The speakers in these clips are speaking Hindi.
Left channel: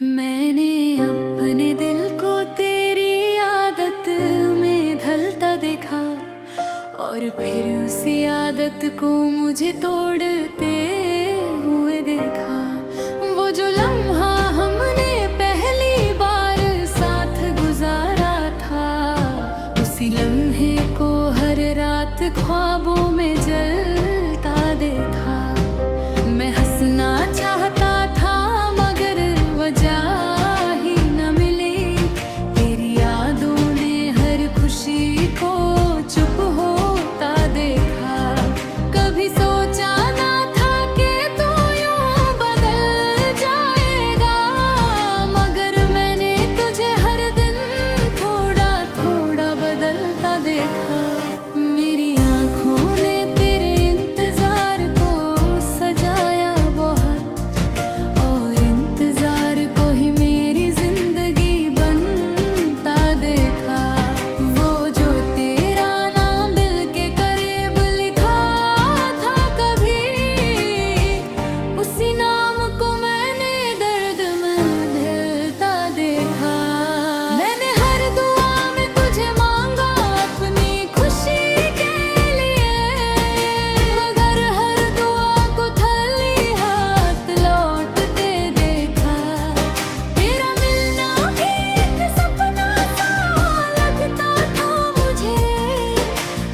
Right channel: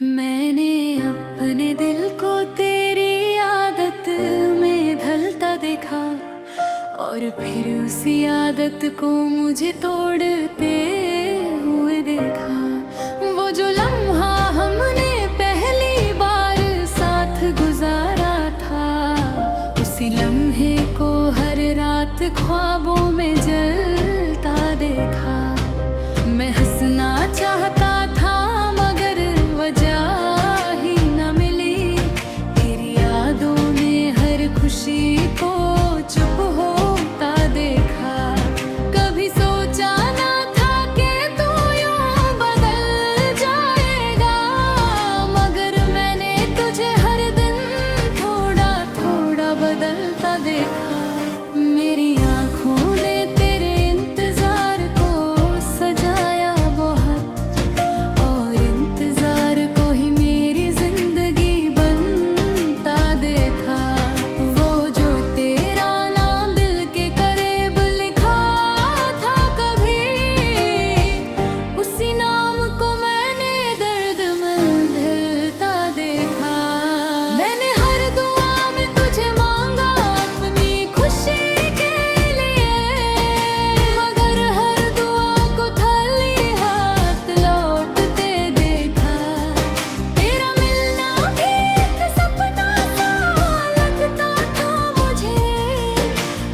मैंने अपने दिल को तेरी आदत में ढलता देखा और फिर उसी आदत को मुझे तोड़ते हुए देखा। वो जो लम्हा हमने पहली बार साथ गुजारा था, उसी लम्हे को हर रात ख्वाबों में जलता देखा। मैं हंसना चाहता था मगर वजह ही न मिली, तेरी यादों ने हर खुशी को चुप होता देखा। कभी सोचा ना था कि तू यूं बदल जाएगा, मगर मैंने तुझे हर दिन थोड़ा थोड़ा बदलता देखा। मेरी आँखों ने तेरे इंतजार को सजाया बहुत, और इंतजार को ही मेरी जिंदगी बनता देखा। वो जो तेरा नाम दिल के करीब लिखा था कभी, उसी नाम को मैंने दर्द में ढलता देखा। मैंने हर दुआ में तुझे मांगा अपनी खुशी के लिए, मगर हर दुआ को खाली हाथ लौटते देखा। तेरा मिलना भी एक सपना सा लगता था मुझे,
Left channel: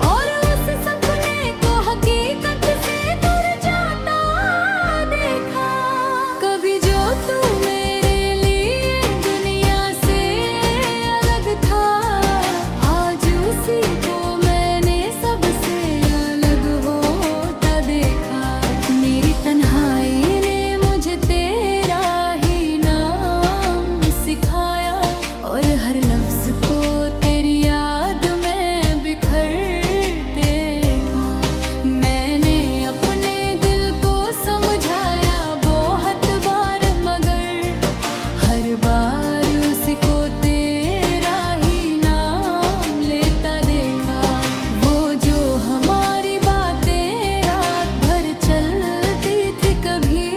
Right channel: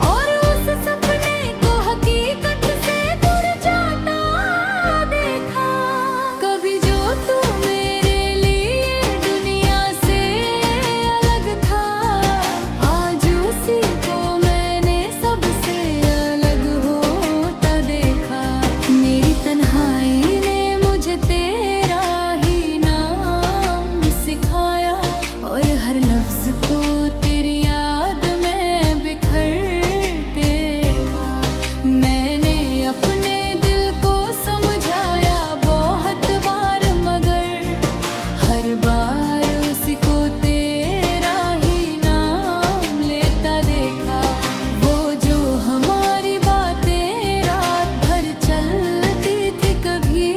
और उस सपने को हकीकत से दूर जाता देखा। कभी जो तू मेरे लिए दुनिया से अलग था, आज उसी को मैंने सबसे अलग होता देखा। मेरी तन्हाई ने मुझे तेरा ही नाम सिखाया, और हर लफ्ज को तेरी याद में बिखरते देखा। मैंने अपने दिल को समझाया बहुत बार, मगर हर बार उसको तेरा ही नाम लेता देखा। वो जो हमारी बातें रात भर चलती थी कभी,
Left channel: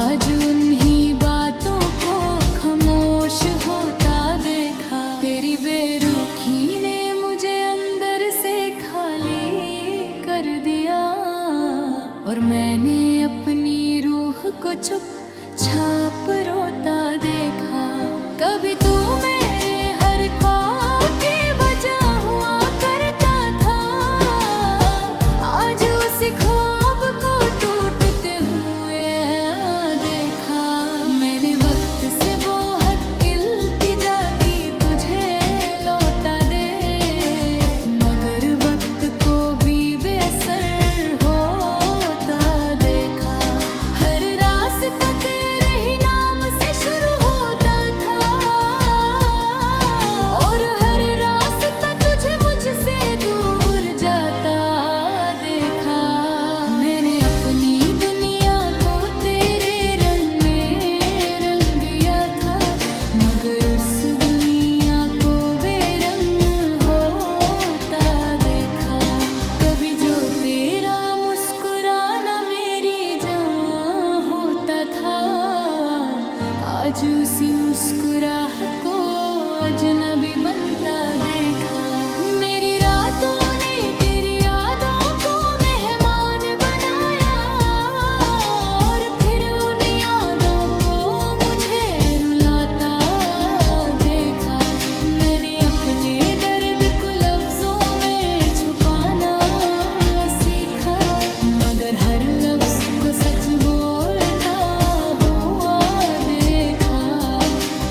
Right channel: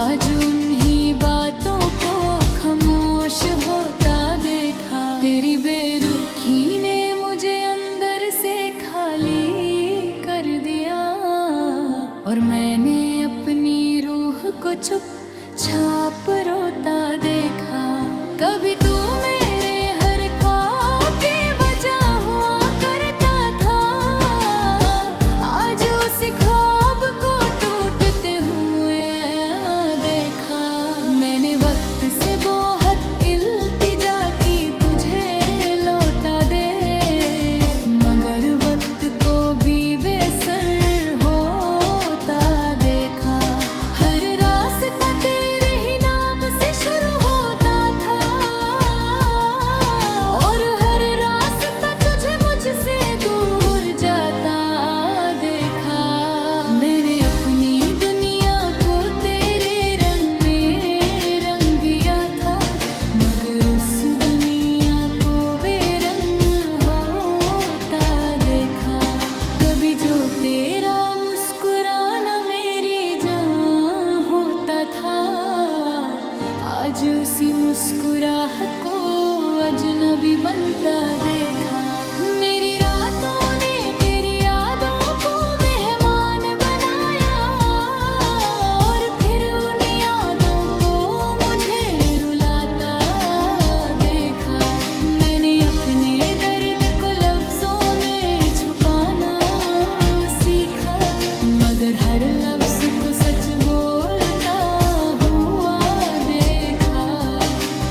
आज उन्हीं बातों को खामोश होता देखा। तेरी बेरुखी ने मुझे अंदर से खाली कर दिया, और मैंने अपनी रूह को चुपचाप रोता देखा। कभी तू मेरे हर ख्वाब की वजह हुआ करता था, आज उस ख्वाब को टूटते हुए देखा। मैंने वक्त से बहुत इल्तिजा की तुझे लौटा दे, मगर वक्त को भी बेअसर होता देखा। हर रास्ता तेरे ही नाम से शुरू होता था, और हर रास्ता तुझे मुझसे दूर जाता देखा। मैंने अपनी दुनिया को तेरे रंग में रंग दिया था, मगर उस दुनिया को बेरंग होता देखा। कभी जो तेरा मुस्कुराना मेरी जान होता था, आज उसी मुस्कुराहट को अजनबी बनता देखा। मेरी रातों ने तेरी यादों को मेहमान बनाया, और फिर उन यादों को मुझे रुलाता देखा। मैंने अपने दर्द को लफ्जों में छुपाना सीखा, मगर हर लफ्ज को सच बोलता हुआ देखा।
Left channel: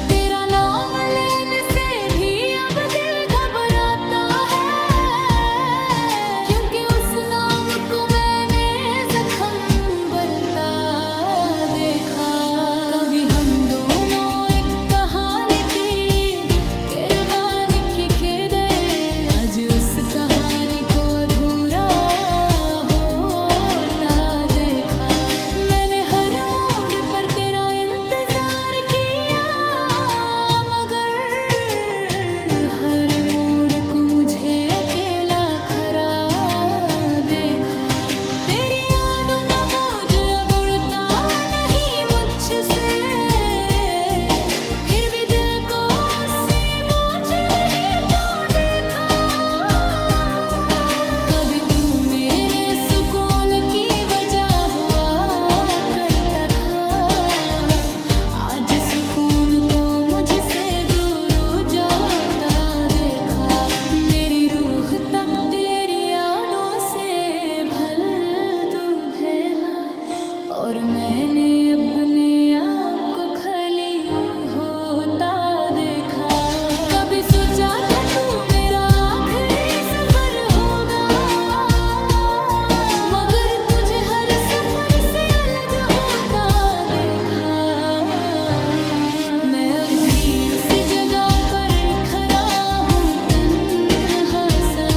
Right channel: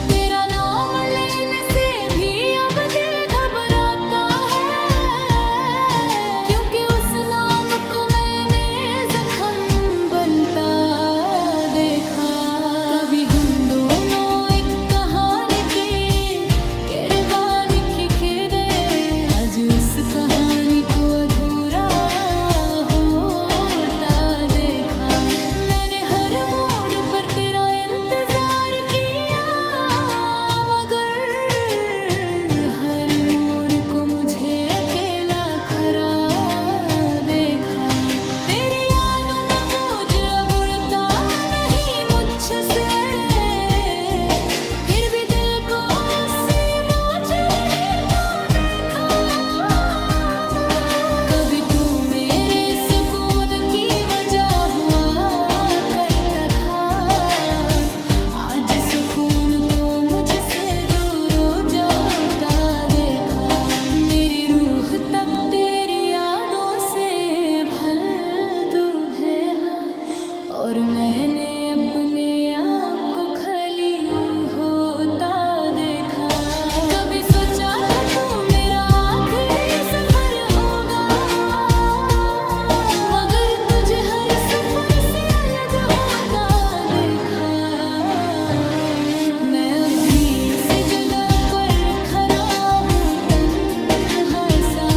तेरा नाम लेने से भी अब दिल घबराता है, क्योंकि उस नाम को मैंने जख्म बनता देखा। कभी हम दोनों एक कहानी की किरदार लिखे दे, आज उस कहानी को अधूरा होता देखा। मैंने हर सुकून को मुझसे दूर हो जाता देखा। मेरी रूह तक तेरी यादों से भर दूध है, और मैंने अपने आप को खाली होता देखा। कभी सोचा था तू मेरा आखिरी सफर होगा, मगर तुझे हर सफर से अलग होता देखा। मैं अब भी उसी जगह पर खड़ा हूँ तन्हा सा,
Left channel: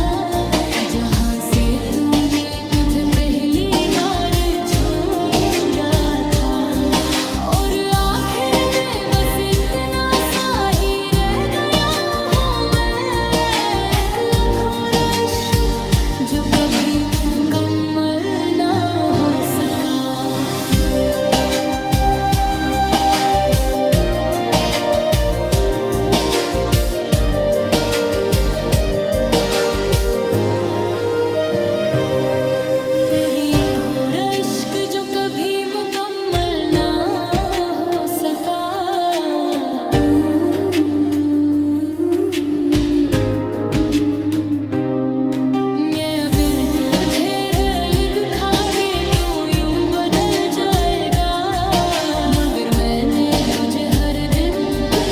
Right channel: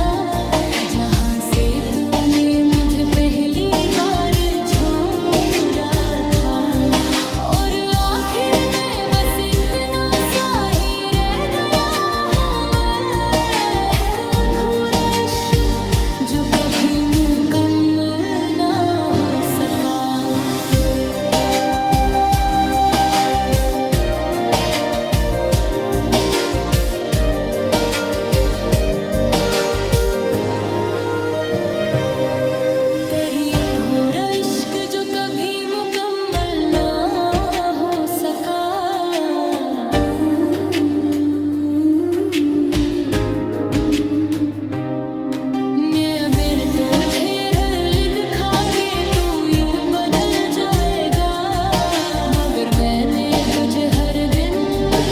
जहाँ से तूने मुझे पहली बार छोड़ा था। और आखिर में बस इतना सा ही रह गया हूँ मैं, एक अधूरा इश्क जो कभी मुकम्मल ना हो सका। तेरी एक अधूरा इश्क जो कभी मुकम्मल ना हो सका। मैं बिन तुझे लिद खा के तू यूं बदल जाएगा, मगर मैंने तुझे हर दिन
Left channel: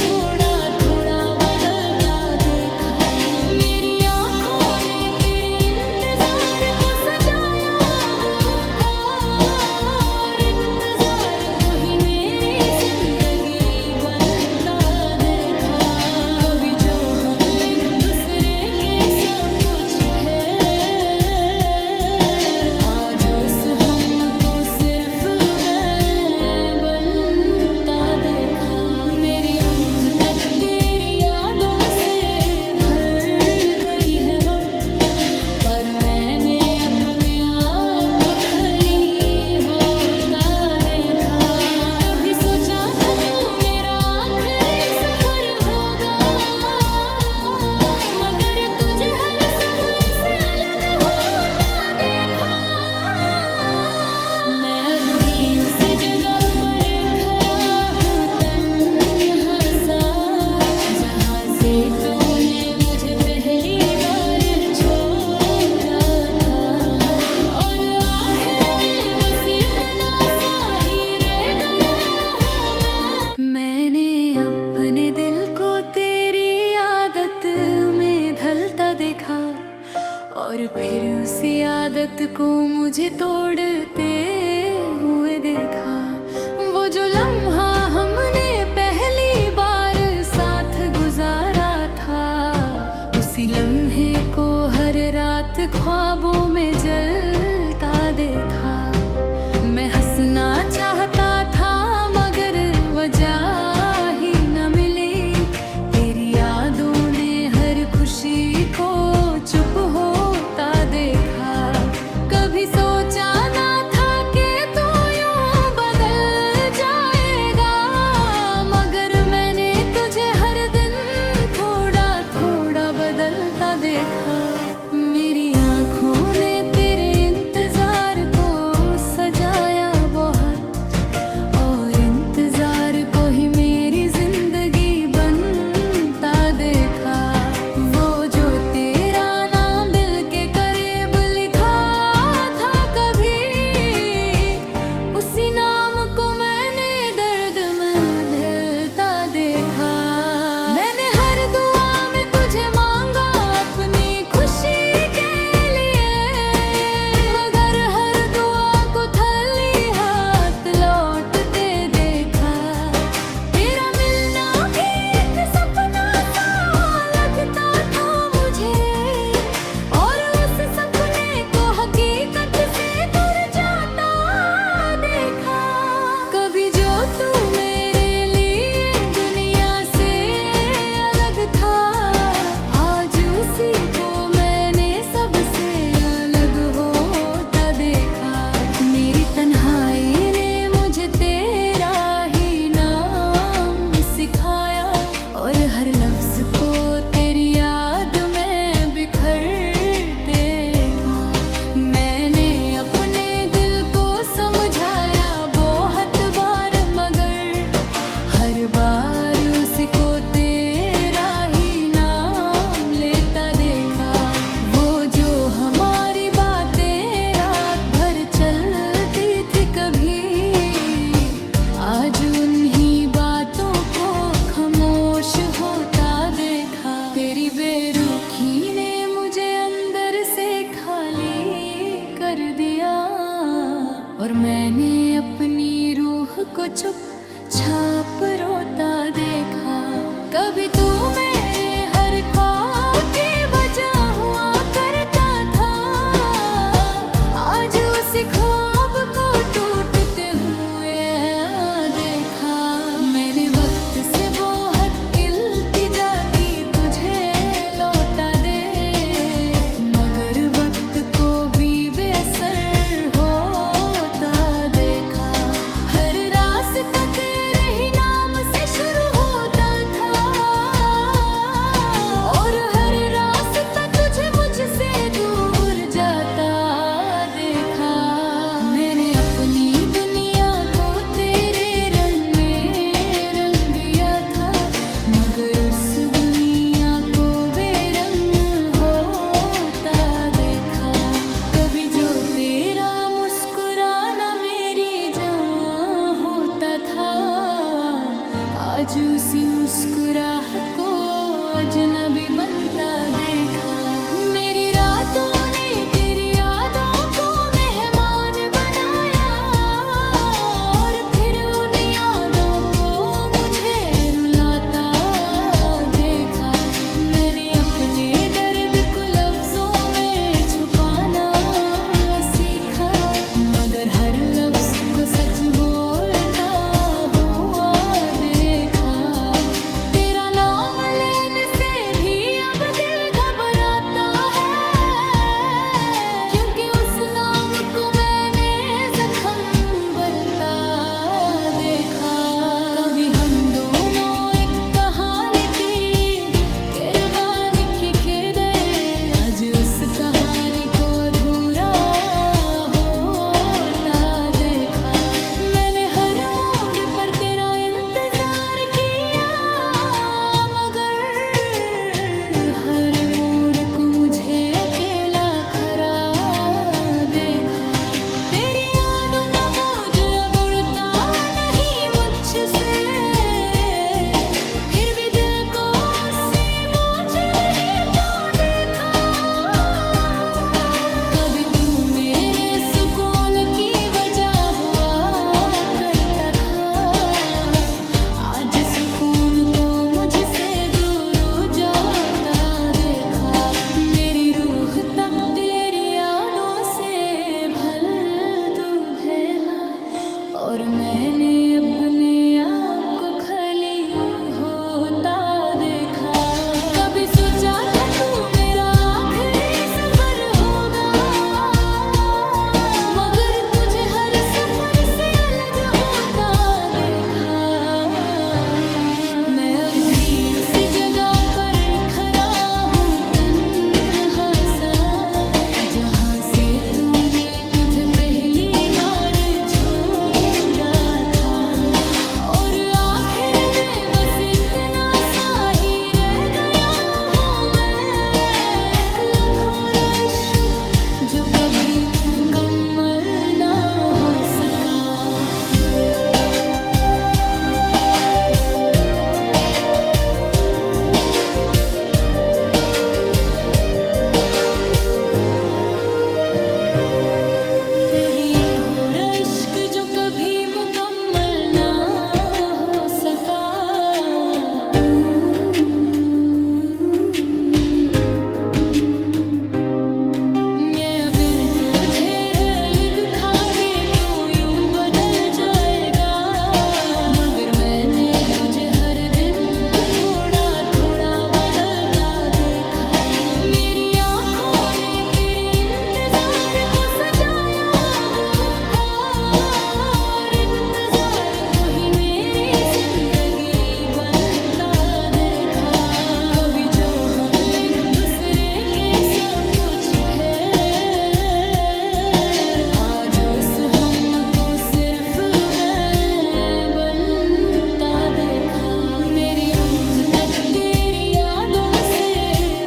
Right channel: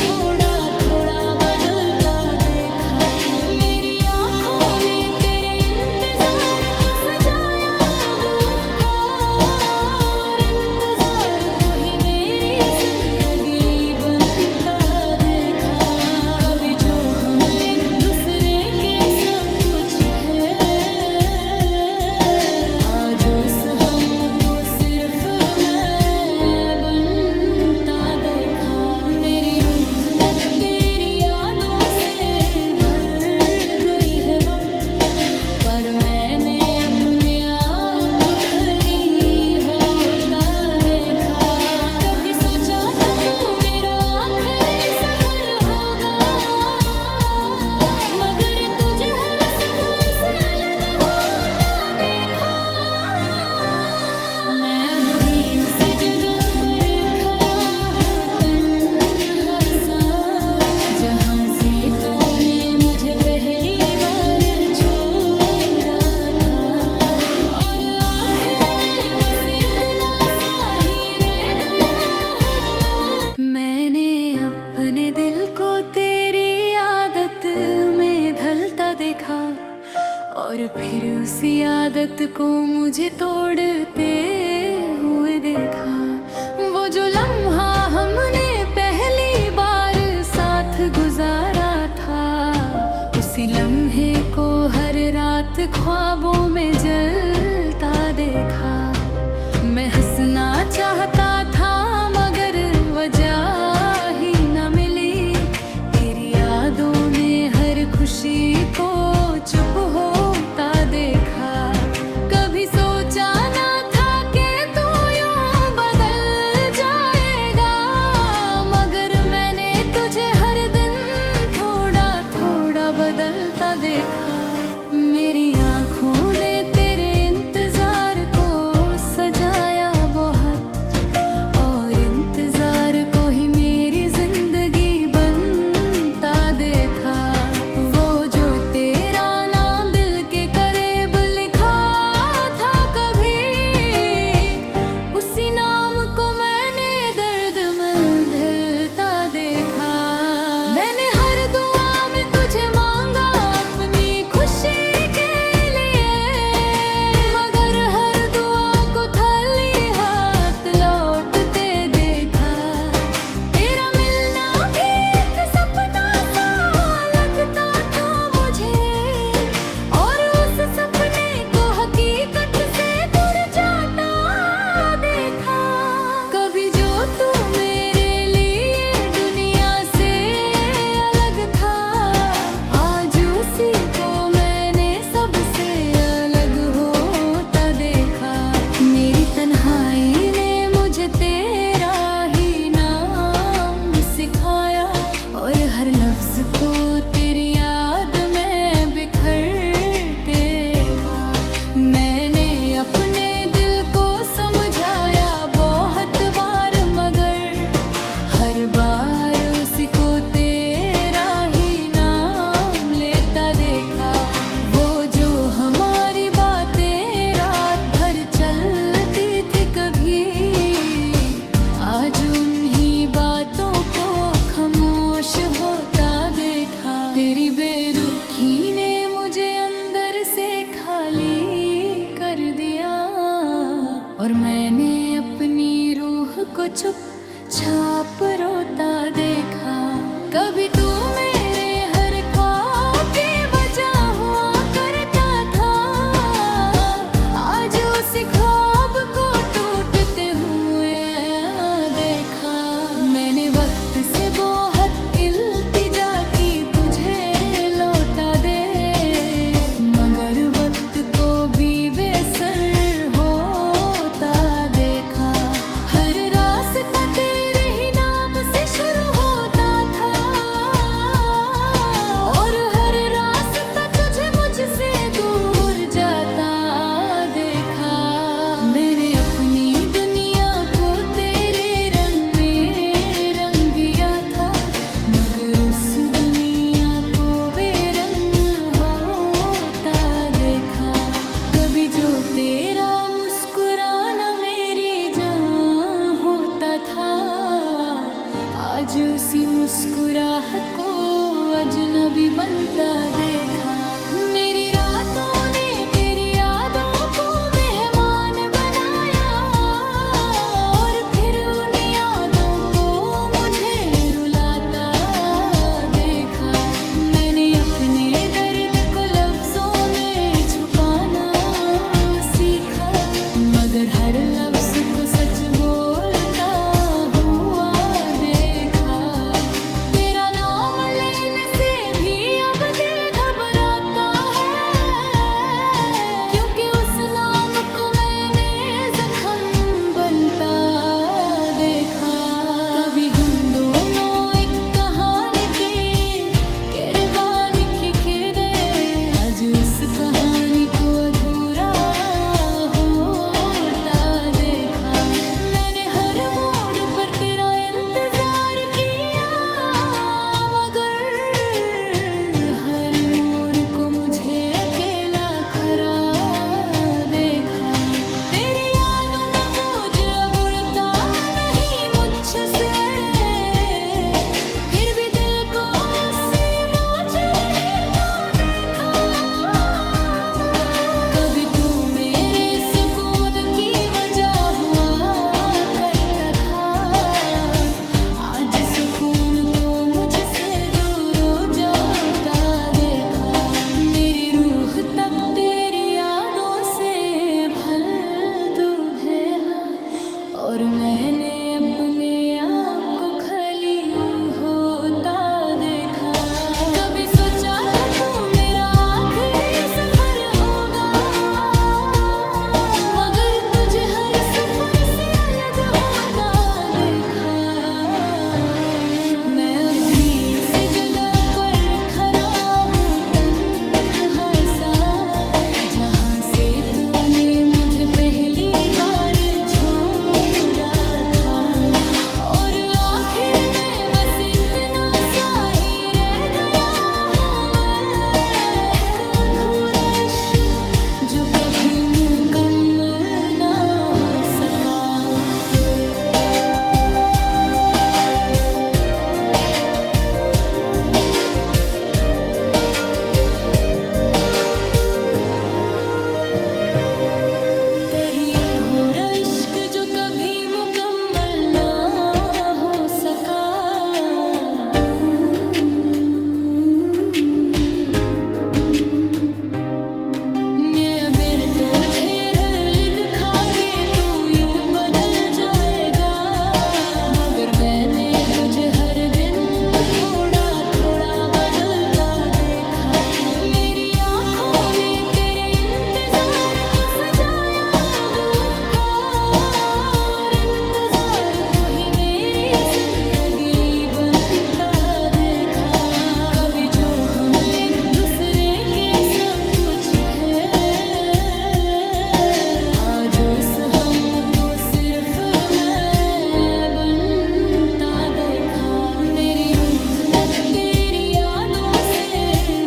थोड़ा थोड़ा बदलता देखा। मेरी आंखों ने तेरे इंतजार को सजाया दूध था, और इंतजार को ही मेरी जिंदगी बनता देखा। कभी जो हम एक दूसरे के सब कुछ है, आज उस हमको सिर्फ मैं बनता देखा। मेरी रूह तक तेरी यादों से भर गई है वक्त, पर मैंने अपने आप को खाली होता देखा। कभी सोचा था तू मेरा आखिरी सफर होगा, मगर तुझे हर सफर से अलग होता देखा। मैं अब भी उसी जगह पर खड़ा हूँ तन्हा सा, जहाँ से तूने मुझे पहली बार छोड़ा था। और आखिर में बस इतना सा ही रह गया हूँ मैंने अपने दिल को तेरी आदत में ढलता देखा, और फिर उसी आदत को मुझे तोड़ते हुए देखा। वो जो लम्हा हमने पहली बार साथ गुजारा था, उसी लम्हे को हर रात ख्वाबों में जलता देखा। मैं हंसना चाहता था मगर वजह ही न मिली, तेरी यादों ने हर खुशी को चुप होता देखा। कभी सोचा ना था कि तू यूं बदल जाएगा, मगर मैंने तुझे हर दिन थोड़ा थोड़ा बदलता देखा। मेरी आंखों ने तेरे इंतजार को सजाया बहुत, और इंतजार को ही मेरी जिंदगी बनता देखा। वो जो तेरा नाम दिल के करीब लिखा था कभी, उसी नाम को मैंने दर्द में ढलता देखा। मैंने हर दुआ में तुझे मांगा अपनी खुशी के लिए, मगर हर दुआ को खाली हाथ लौटते देखा। तेरा मिलना भी एक सपना सा लगता था मुझे, और उस सपने को हकीकत से दूर जाता देखा। कभी जो तू मेरे लिए दुनिया से अलग था, आज उसी को मैंने सबसे अलग होता देखा। मेरी तन्हाई ने मुझे तेरा ही नाम सिखाया, और हर लफ्ज को तेरी याद में बिखरते देखा। मैंने अपने दिल को समझाया बहुत बार, मगर हर बार को तेरा ही नाम लेता देखा। वो जो हमारी बातें रात भर चलती थी कभी, आज उन्हीं बातों को खामोश होता देखा। तेरी बेरुखी ने मुझे अंदर से खाली कर दिया, और मैंने अपनी रूह को चुपचाप रोता देखा। कभी तू मेरे हर ख्वाब की वजह हुआ करता था, आज उसी ख्वाब को टूटते हुए देखा। मैंने वक्त से बहुत इल्तिजा की तुझे लौटा दे, मगर वक्त को भी बेअसर होता देखा। हर रास्ता तेरे ही नाम से शुरू होता था, और हर रास्ता तुझे मुझसे दूर जाता देखा। मैंने अपनी दुनिया को तेरे रंग में रंग दिया था, मगर उस दुनिया को बेरंग होता देखा। कभी जो तेरा मुस्कुराना मेरी जान होता था, आज उसी मुस्कुराहट को अजनबी बनता देखा। मेरी रातों ने तेरी यादों को मेहमान बनाया, और फिर उन यादों को मुझे रुलाता देखा। मैंने अपने दर्द को लफ्जों में छुपाना सीखा, मगर हर लफ्ज को सच बोलता हुआ देखा। तेरा नाम लेने से भी अब दिल घबराता है, क्योंकि उस नाम को मैंने जख्म बनता देखा। कभी हम दोनों एक कहानी की किरदार लिखे दे, आज उस कहानी को अधूरा होता देखा। मैंने हर मोड़ पर तेरा इंतजार किया, मगर हर मोड़ को मुझे अकेला खड़ा देखा। तेरी यादों का बोझ अब उड़ता नहीं मुझसे, फिर भी दिल को उससे बोझ नहीं तो देखा। कभी तू मेरे सुकून की वजह हुआ करता था, आज सुकून को मुझसे दूर हो जाता देखा। मेरी रूह तक तेरी यादों से भर दूध है, और मैंने अपने आप को खाली होता देखा। कभी सोचा था तू मेरा आखिरी सफर होगा, मगर तुझे हर सफर से अलग होता देखा। मैं अब भी उसी जगह पर खड़ा हूँ तन्हा सा, जहाँ से तूने मुझे पहली बार छोड़ा था। और आखिर में बस इतना सा ही रह गया हूँ मैं, एक अधूरा इश्क जो कभी मुकम्मल ना हो सका। तेरी एक भोरा इश्क जो कभी मुकम्मल ना हो सका। मैं बिन तुझे लिद खा के तू यूं बदल जाएगा, मगर मैंने तुझे हर दिन थोड़ा थोड़ा बदलता देखा। मेरी आंखों ने तेरे इंतजार को सजाया अब था, और इंतजार को ही मेरी जिंदगी बनता देखा। कभी जो हम एक दूसरे के सब कुछ है, आज उस हमको सिर्फ मैं बनता देखा। मेरी रूह रूह तक तेरी यादों से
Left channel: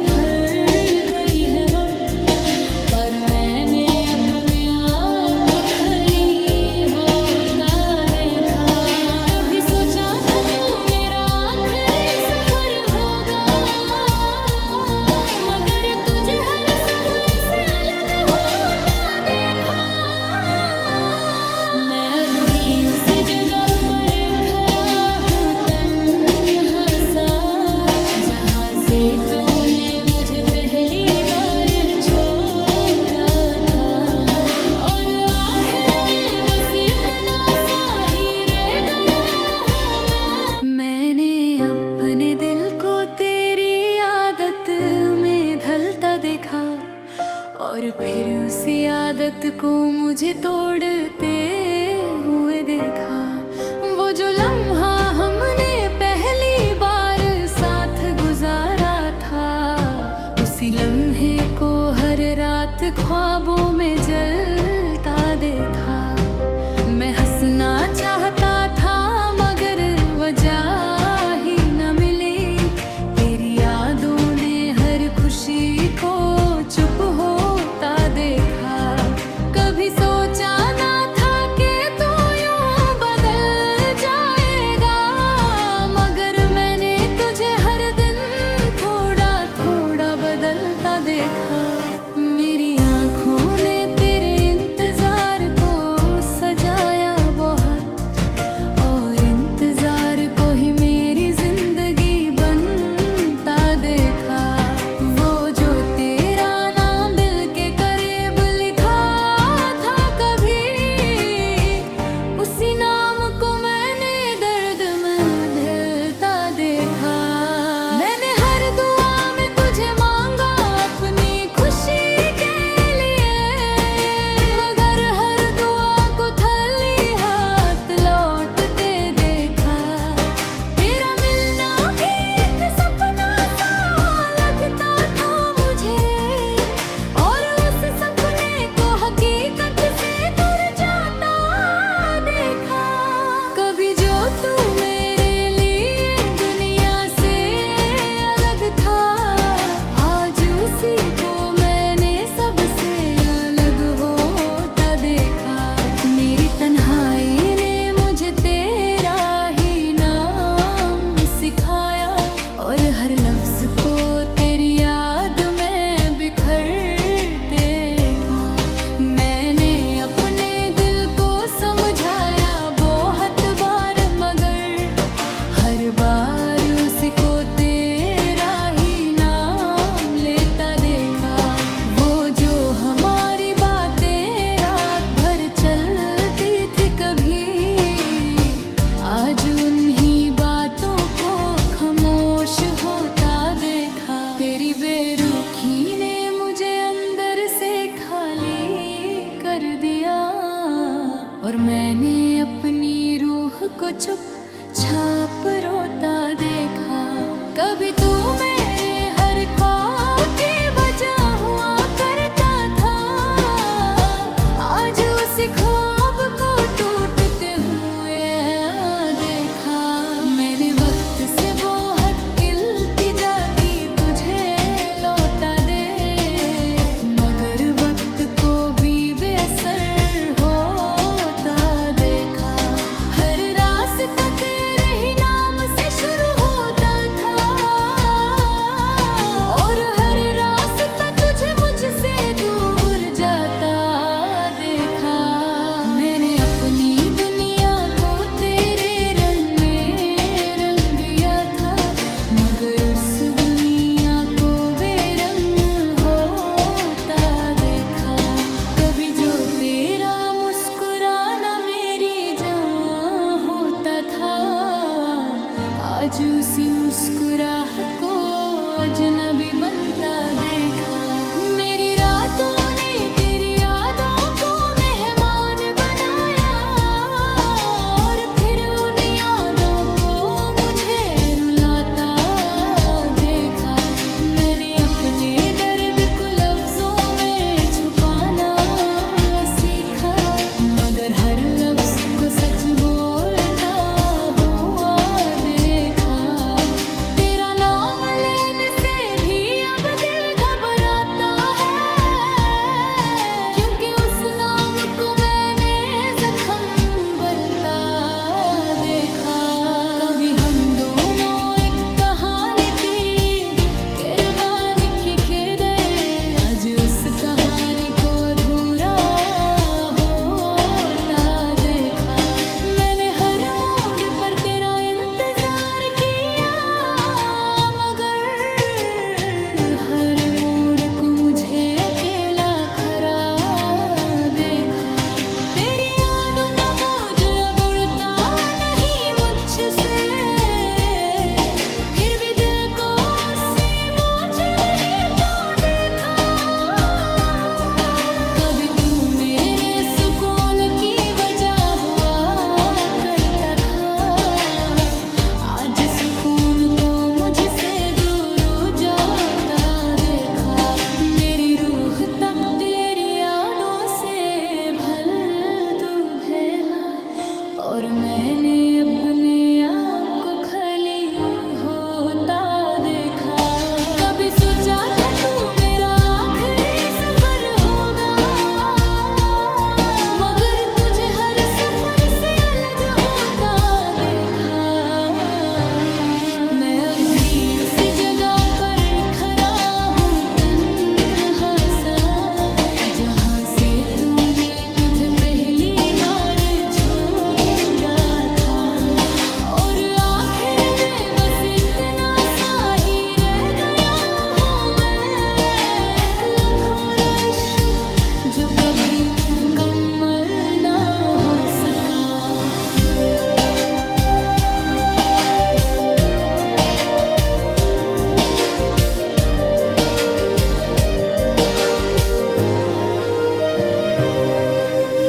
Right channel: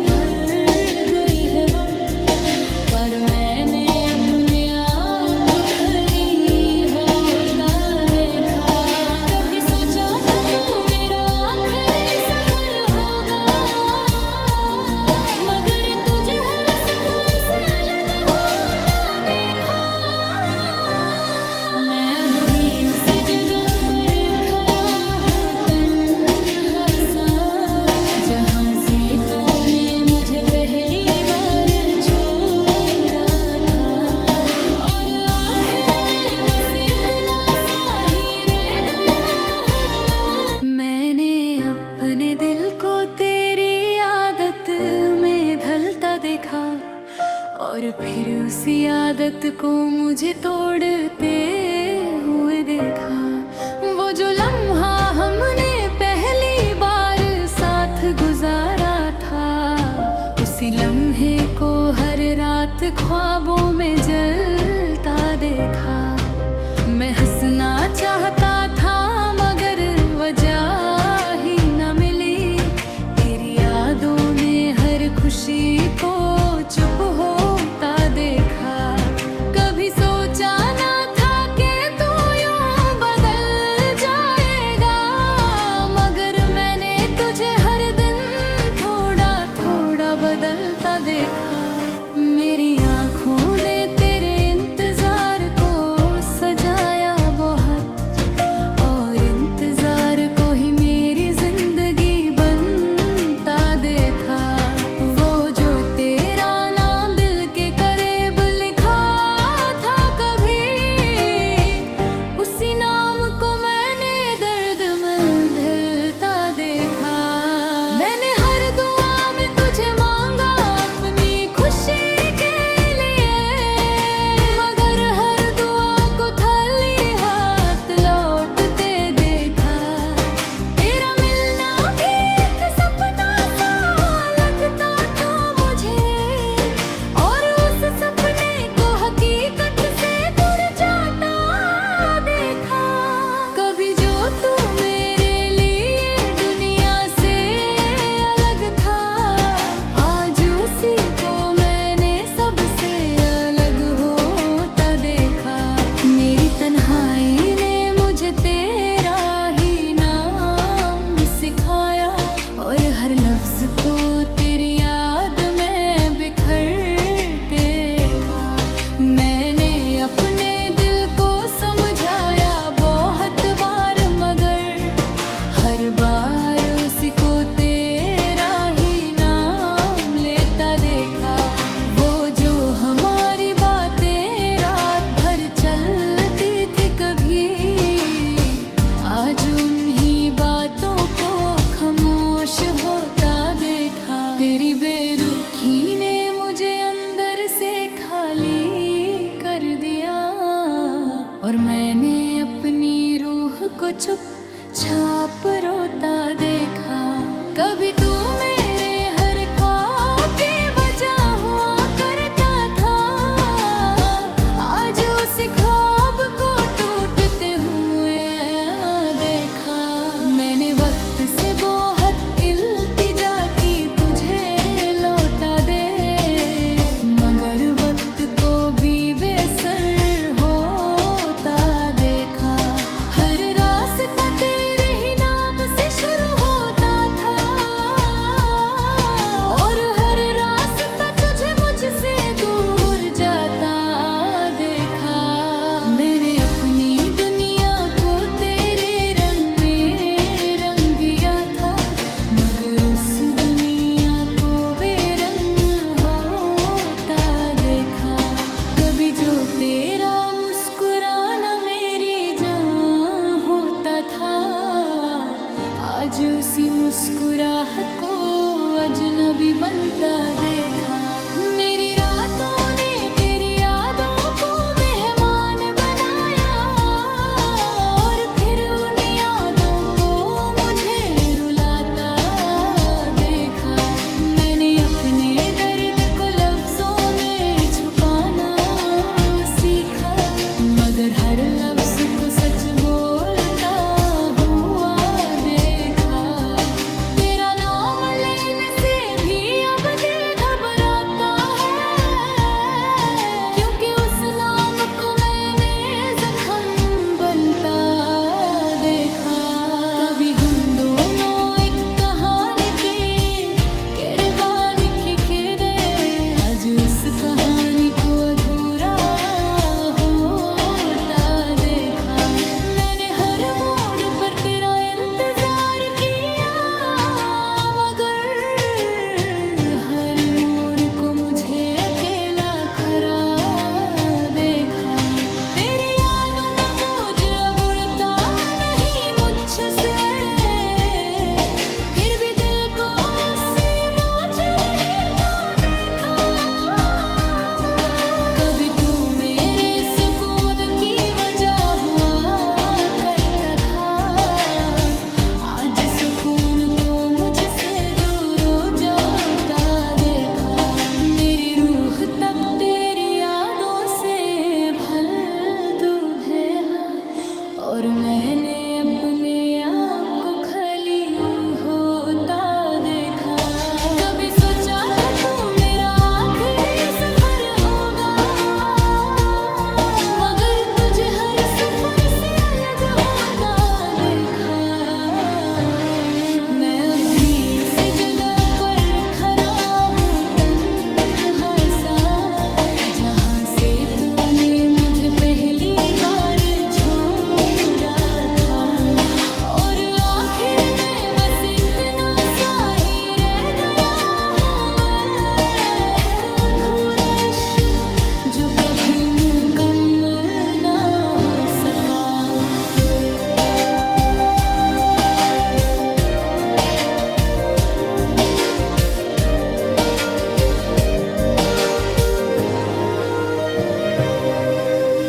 भर गई है वक्त, पर मैंने अपने आप को खाली होता देखा। कभी सोचा था तू मेरा आखिरी सफर होगा, मगर तुझे हर सफर से अलग होता देखा। मैं अब भी उसी जगह पर खड़ा हूँ तन्हा सा, जहाँ से तूने मुझे पहली बार छोड़ा था। और आखिर में बस इतना सा ही रह गया हूँ मैंने अपने दिल को तेरी आदत में ढलता देखा, और फिर उसी आदत को मुझे तोड़ते हुए देखा। वो जो लम्हा हमने पहली बार साथ गुजारा था, उसी लम्हे को हर रात ख्वाबों में जलता देखा। मैं हंसना चाहता था मगर वजह ही न मिली, तेरी यादों ने हर खुशी को चुप होता देखा। कभी सोचा ना था कि तू यूं बदल जाएगा, मगर मैंने तुझे हर दिन थोड़ा थोड़ा बदलता देखा। मेरी आँखों ने तेरे इंतजार को सजाया बहुत, और इंतजार को ही मेरी जिंदगी बनता देखा। वो जो तेरा नाम दिल के करीब लिखा था कभी, उसी नाम को मैंने दर्द में ढलता देखा। मैंने हर दुआ में तुझे मांगा अपनी खुशी के लिए, मगर हर दुआ को खाली हाथ लौटते देखा। तेरा मिलना भी एक सपना सा लगता था मुझे, और उस सपने को हकीकत से दूर जाता देखा। कभी जो तू मेरे लिए दुनिया से अलग था, आज उसी को मैंने सबसे अलग होता देखा। मेरी तन्हाई ने मुझे तेरा ही नाम सिखाया, और हर लफ्ज को तेरी याद में बिखरते देखा। मैंने अपने दिल को समझाया बहुत बार, मगर हर बार उसको तेरा ही नाम लेता देखा। वो जो हमारी बातें रात भर चलती थी कभी, आज उन्हीं बातों को खामोश होता देखा। तेरी बेरुखी ने मुझे अंदर से खाली कर दिया, और मैंने अपनी रूह को चुपचाप रोता देखा। कभी तू मेरे हर ख्वाब की वजह हुआ करता था, आज उस ख्वाब को टूटते हुए देखा। मैंने वक्त से बहुत इल्तिजा की तुझे लौटा दे, मगर वक्त को भी बेअसर होता देखा। हर रास्ता तेरे ही नाम से शुरू होता था, और हर रास्ता तुझे मुझसे दूर जाता देखा। मैंने अपनी दुनिया को तेरे रंग में रंग दिया था, मगर उस दुनिया को बेरंग होता देखा। कभी जो तेरा मुस्कुराना मेरी जान होता था, आज उसी मुस्कुराहट को अजनबी बनता देखा। मेरी रातों ने तेरी यादों को मेहमान बनाया, और फिर उन यादों को मुझे रुलाता देखा। मैंने अपने दर्द को लफ्जों में छुपाना सीखा, मगर हर लफ्ज को सच बोलता हुआ देखा। सुकून को मुझसे दूर हो जाता देखा। मेरी रूह तक तेरी यादों से भर दूर है और मैंने अपने आप को खाली होता देखा। कभी सोचा था तू मेरा आखिरी सफर होगा, मगर तुझे हर सफर से अलग होता देखा। मैं अब भी उसी जगह पर खड़ा हूँ तन्हा सा, जहाँ से तूने मुझे पहली बार छोड़ा था। और आखिर में बस इतना सा ही रह गया हूँ मैं, एक अधूरा इश्क जो कभी मुकम्मल ना हो सका।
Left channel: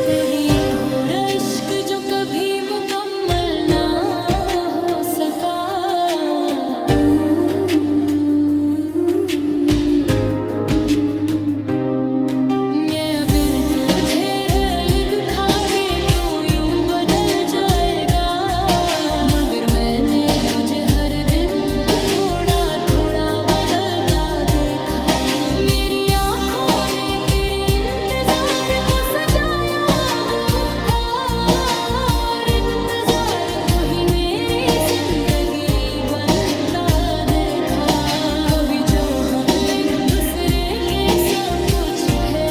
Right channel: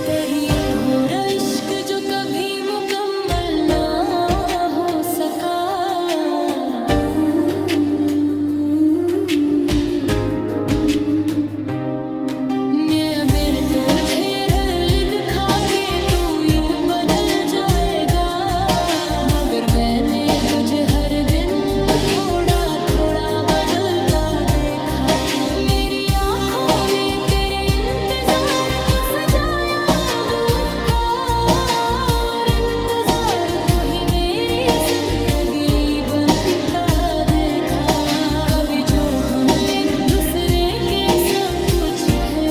तेरी अधूरा इश्क जो कभी मुकम्मल ना हो सका। मैं बिन तुझे लिद खा के तू यूं बदल जाएगा, मगर मैंने तुझे हर दिन थोड़ा थोड़ा बदलता देखा। मेरी आंखों ने तेरे इंतजार को सजाया अब था, और इंतजार को ही मेरी जिंदगी बनता देखा। कभी जो हम एक दूसरे के सब कुछ थे,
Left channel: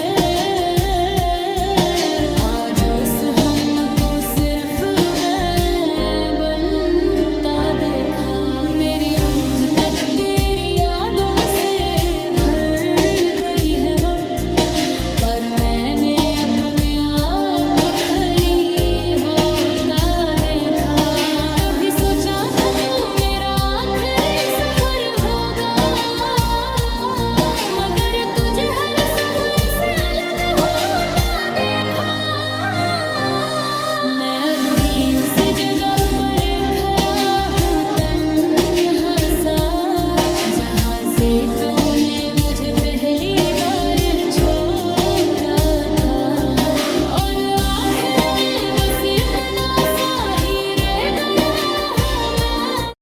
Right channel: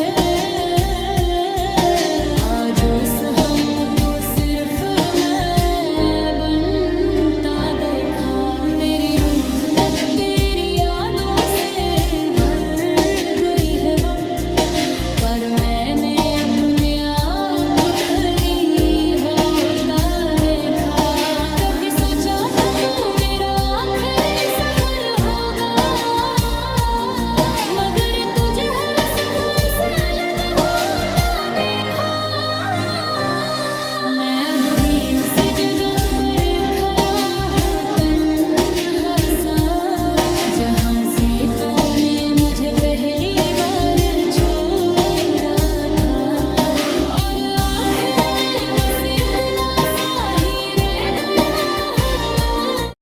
आज उस हमको सिर्फ मैं बनता देखा। मेरी रूह तक तेरी यादों से भर गई है वक्त, पर मैंने अपने आप को खाली होता देखा। कभी सोचा था तू मेरा आखिरी सफर होगा, मगर तुझे हर सफर से अलग होता देखा। मैं अब भी उसी जगह पर खड़ा हूँ तन्हा सा, जहाँ से तूने मुझे पहली बार छोड़ा